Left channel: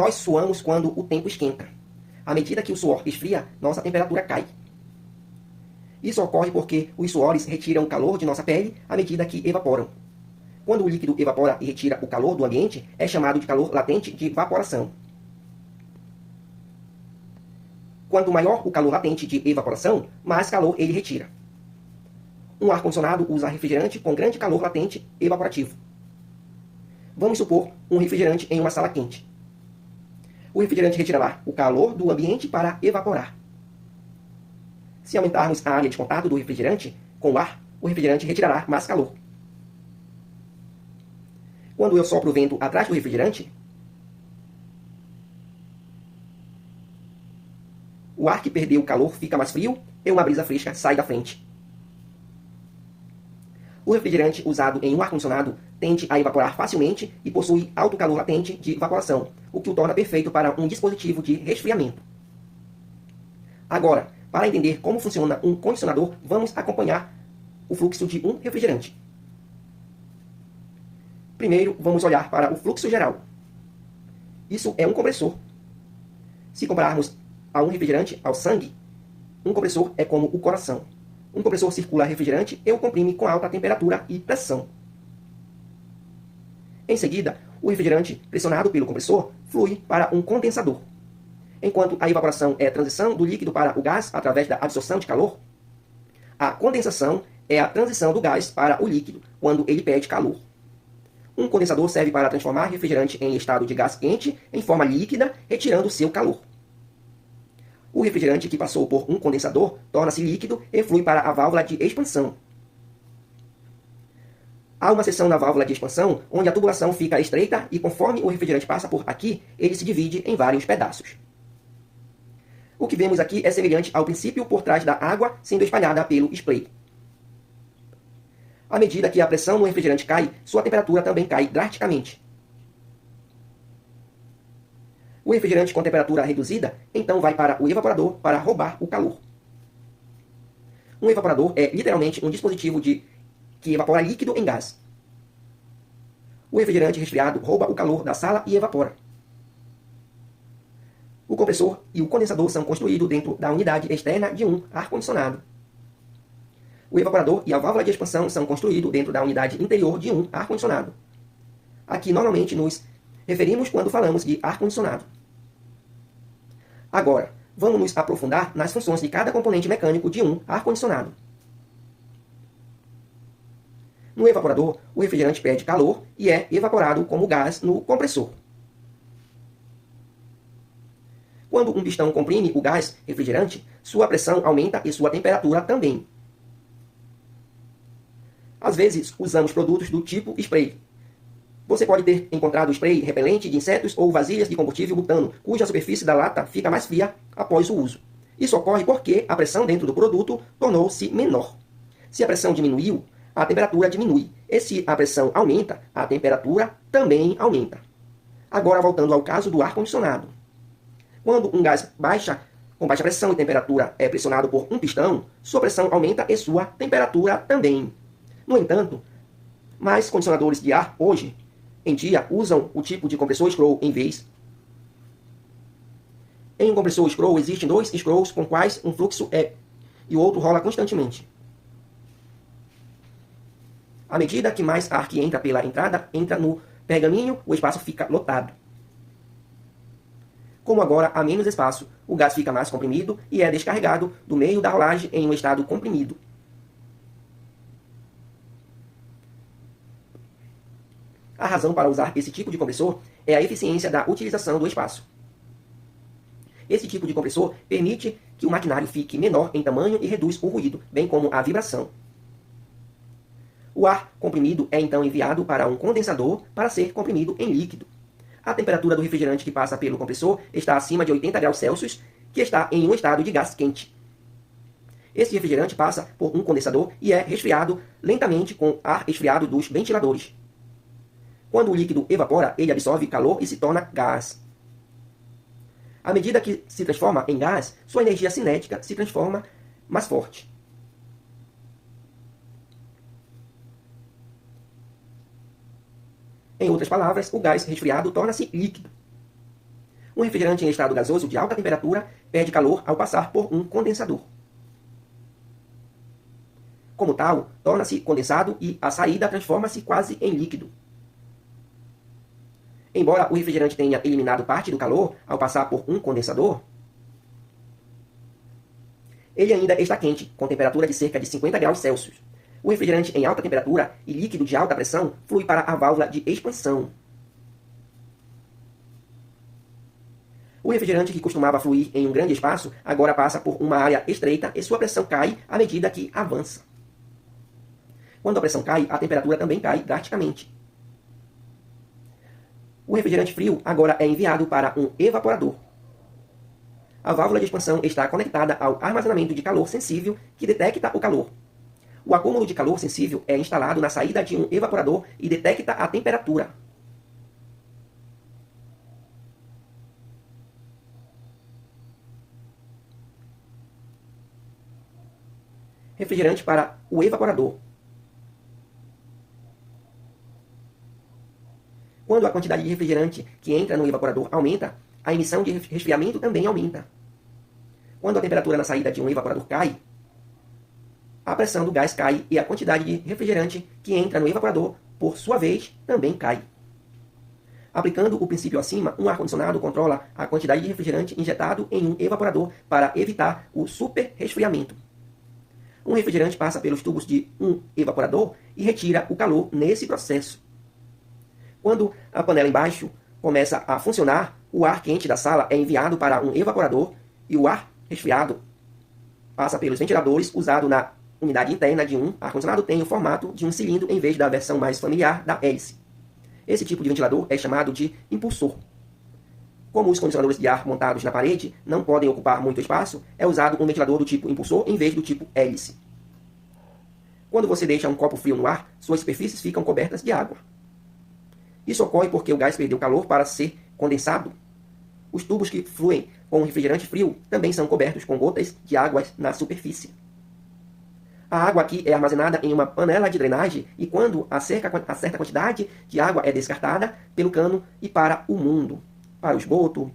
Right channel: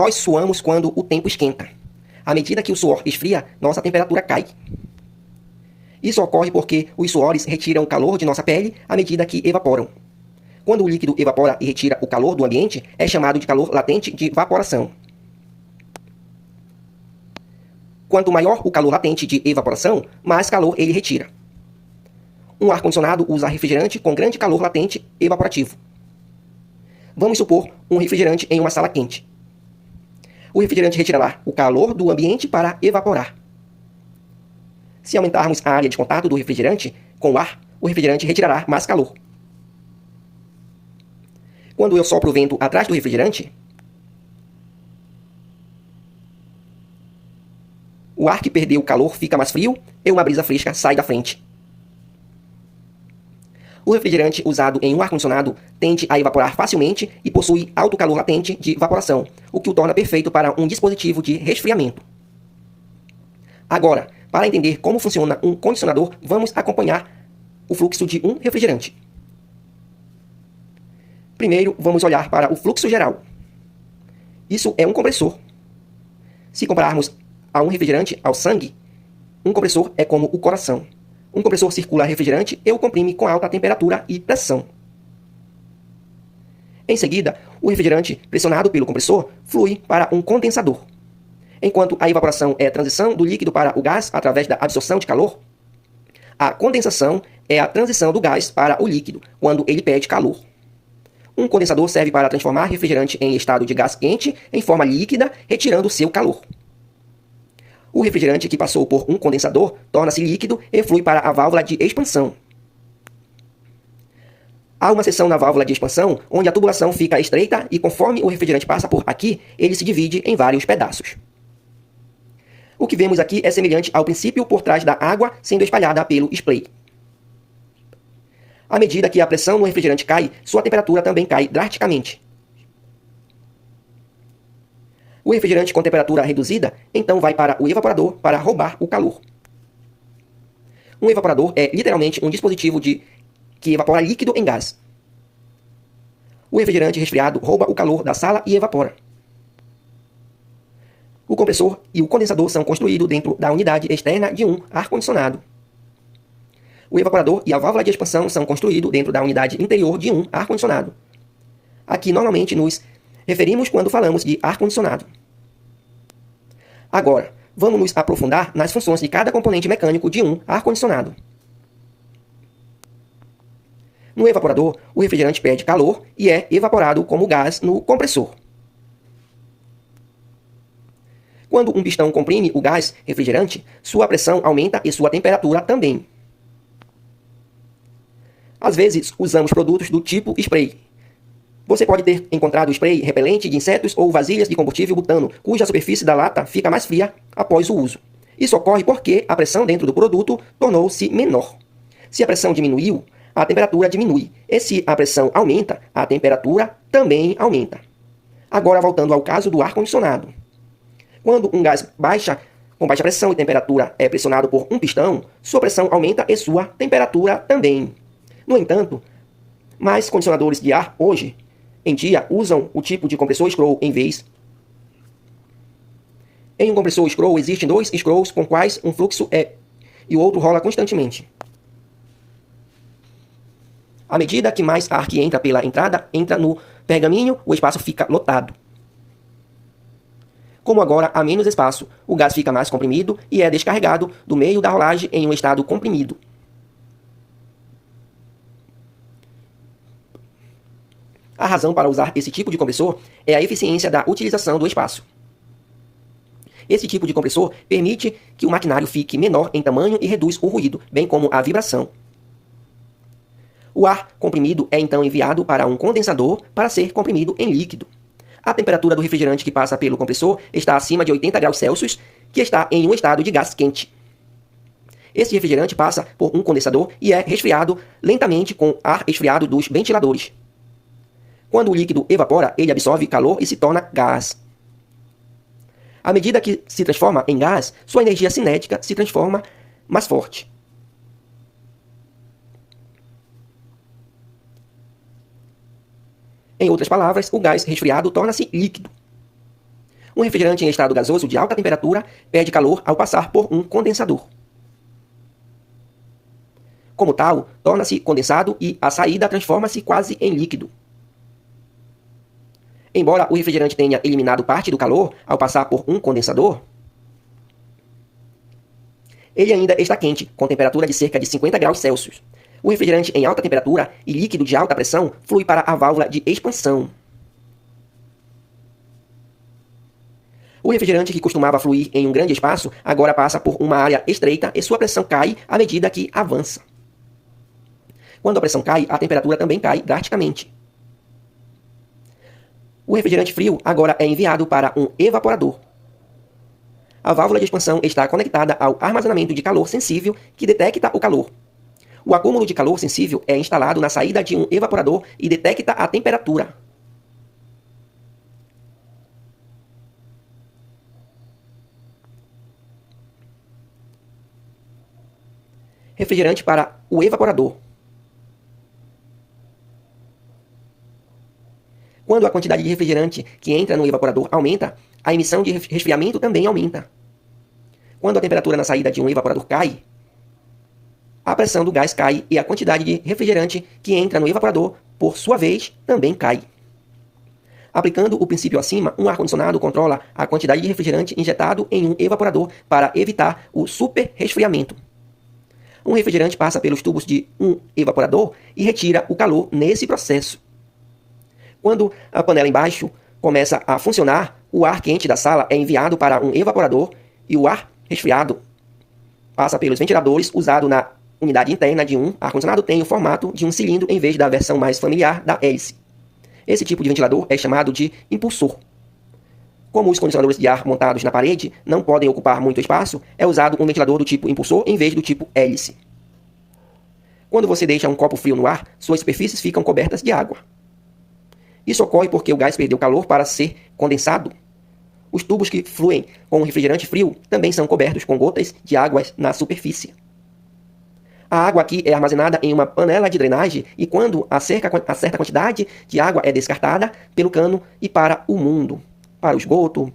Nós suamos quando o tempo esquenta. À medida que o suor esfria, nossa temperatura cai. Isso ocorre porque os suores retiram o calor de nossa pele à medida que evaporam. Quando o líquido evapora e retira o calor do ambiente, é chamado de calor latente de evaporação. Quanto maior o calor latente de evaporação, mais calor ele retira. Um ar-condicionado usa refrigerante com grande calor latente evaporativo. Vamos supor um refrigerante em uma sala quente. O refrigerante retirará o calor do ambiente para evaporar. Se aumentarmos a área de contato do refrigerante com o ar, o refrigerante retirará mais calor. Quando eu sopro o vento atrás do refrigerante, o ar que perdeu o calor fica mais frio e uma brisa fresca sai da frente. O refrigerante usado em um ar-condicionado tende a evaporar facilmente e possui alto calor latente de evaporação, o que o torna perfeito para um dispositivo de resfriamento. Agora, para entender como funciona um condicionador, vamos acompanhar o fluxo de um refrigerante. Primeiro, vamos olhar para o fluxo geral. Isso é um compressor. Se compararmos a um refrigerante ao sangue, um compressor é como o coração. Um compressor circula refrigerante e o comprime com alta temperatura e pressão. Em seguida, o refrigerante, pressionado pelo compressor, flui para um condensador. Enquanto a evaporação é a transição do líquido para o gás através da absorção de calor, a condensação é a transição do gás para o líquido, quando ele perde calor. Um condensador serve para transformar refrigerante em estado de gás quente em forma líquida, retirando seu calor. O refrigerante que passou por um condensador torna-se líquido e flui para a válvula de expansão. Há uma seção na válvula de expansão onde a tubulação fica estreita e conforme o refrigerante passa por aqui, ele se divide em vários pedaços. O que vemos aqui é semelhante ao princípio por trás da água sendo espalhada pelo spray. À medida que a pressão no refrigerante cai, sua temperatura também cai drasticamente. O refrigerante com temperatura reduzida, então vai para o evaporador para roubar o calor. Um evaporador é literalmente um dispositivo que evapora líquido em gás. O refrigerante resfriado rouba o calor da sala e evapora. O compressor e o condensador são construídos dentro da unidade externa de um ar-condicionado. O evaporador e a válvula de expansão são construídos dentro da unidade interior de um ar-condicionado. Aqui normalmente nos referimos quando falamos de ar-condicionado. Agora, vamos nos aprofundar nas funções de cada componente mecânico de um ar-condicionado. No evaporador, o refrigerante perde calor e é evaporado como gás no compressor. Quando um pistão comprime o gás refrigerante, sua pressão aumenta e sua temperatura também. Às vezes, usamos produtos do tipo spray. Você pode ter encontrado spray repelente de insetos ou vasilhas de combustível butano, cuja superfície da lata fica mais fria após o uso. Isso ocorre porque a pressão dentro do produto tornou-se menor. Se a pressão diminuiu, a temperatura diminui. E se a pressão aumenta, a temperatura também aumenta. Agora, voltando ao caso do ar-condicionado. Quando um gás com baixa pressão e temperatura é pressionado por um pistão, sua pressão aumenta e sua temperatura também. No entanto, mais condicionadores de ar hoje em dia usam o tipo de compressor scroll em vez. Em um compressor scroll existem dois scrolls com quais um fluxo é e o outro rola constantemente. À medida que mais ar que entra pela entrada entra no pergaminho, o espaço fica lotado. Como agora há menos espaço, o gás fica mais comprimido e é descarregado do meio da rolagem em um estado comprimido. A razão para usar esse tipo de compressor é a eficiência da utilização do espaço. Esse tipo de compressor permite que o maquinário fique menor em tamanho e reduz o ruído, bem como a vibração. O ar comprimido é então enviado para um condensador para ser comprimido em líquido. A temperatura do refrigerante que passa pelo compressor está acima de 80 graus Celsius, que está em um estado de gás quente. Esse refrigerante passa por um condensador e é resfriado lentamente com ar esfriado dos ventiladores. Quando o líquido evapora, ele absorve calor e se torna gás. À medida que se transforma em gás, sua energia cinética se transforma mais forte. Em outras palavras, o gás resfriado torna-se líquido. Um refrigerante em estado gasoso de alta temperatura perde calor ao passar por um condensador. Como tal, torna-se condensado e a saída transforma-se quase em líquido. Embora o refrigerante tenha eliminado parte do calor ao passar por um condensador, ele ainda está quente, com temperatura de cerca de 50 graus Celsius. O refrigerante em alta temperatura e líquido de alta pressão flui para a válvula de expansão. O refrigerante que costumava fluir em um grande espaço agora passa por uma área estreita e sua pressão cai à medida que avança. Quando a pressão cai, a temperatura também cai drasticamente. O refrigerante frio agora é enviado para um evaporador. A válvula de expansão está conectada ao armazenamento de calor sensível que detecta o calor. O acúmulo de calor sensível é instalado na saída de um evaporador e detecta a temperatura. Refrigerante para o evaporador. Quando a quantidade de refrigerante que entra no evaporador aumenta, a emissão de resfriamento também aumenta. Quando a temperatura na saída de um evaporador cai, a pressão do gás cai e a quantidade de refrigerante que entra no evaporador, por sua vez, também cai. Aplicando o princípio acima, um ar-condicionado controla a quantidade de refrigerante injetado em um evaporador para evitar o superresfriamento. Um refrigerante passa pelos tubos de um evaporador e retira o calor nesse processo. Quando a panela embaixo começa a funcionar, o ar quente da sala é enviado para um evaporador e o ar resfriado passa pelos ventiladores usado na unidade interna de um ar-condicionado tem o formato de um cilindro em vez da versão mais familiar da hélice. Esse tipo de ventilador é chamado de impulsor. Como os condicionadores de ar montados na parede não podem ocupar muito espaço, é usado um ventilador do tipo impulsor em vez do tipo hélice. Quando você deixa um copo frio no ar, suas superfícies ficam cobertas de água. Isso ocorre porque o gás perdeu calor para ser condensado. Os tubos que fluem com o refrigerante frio também são cobertos com gotas de água na superfície. A água aqui é armazenada em uma panela de drenagem e quando a certa quantidade de água é descartada pelo cano e para o mundo, para o esgoto,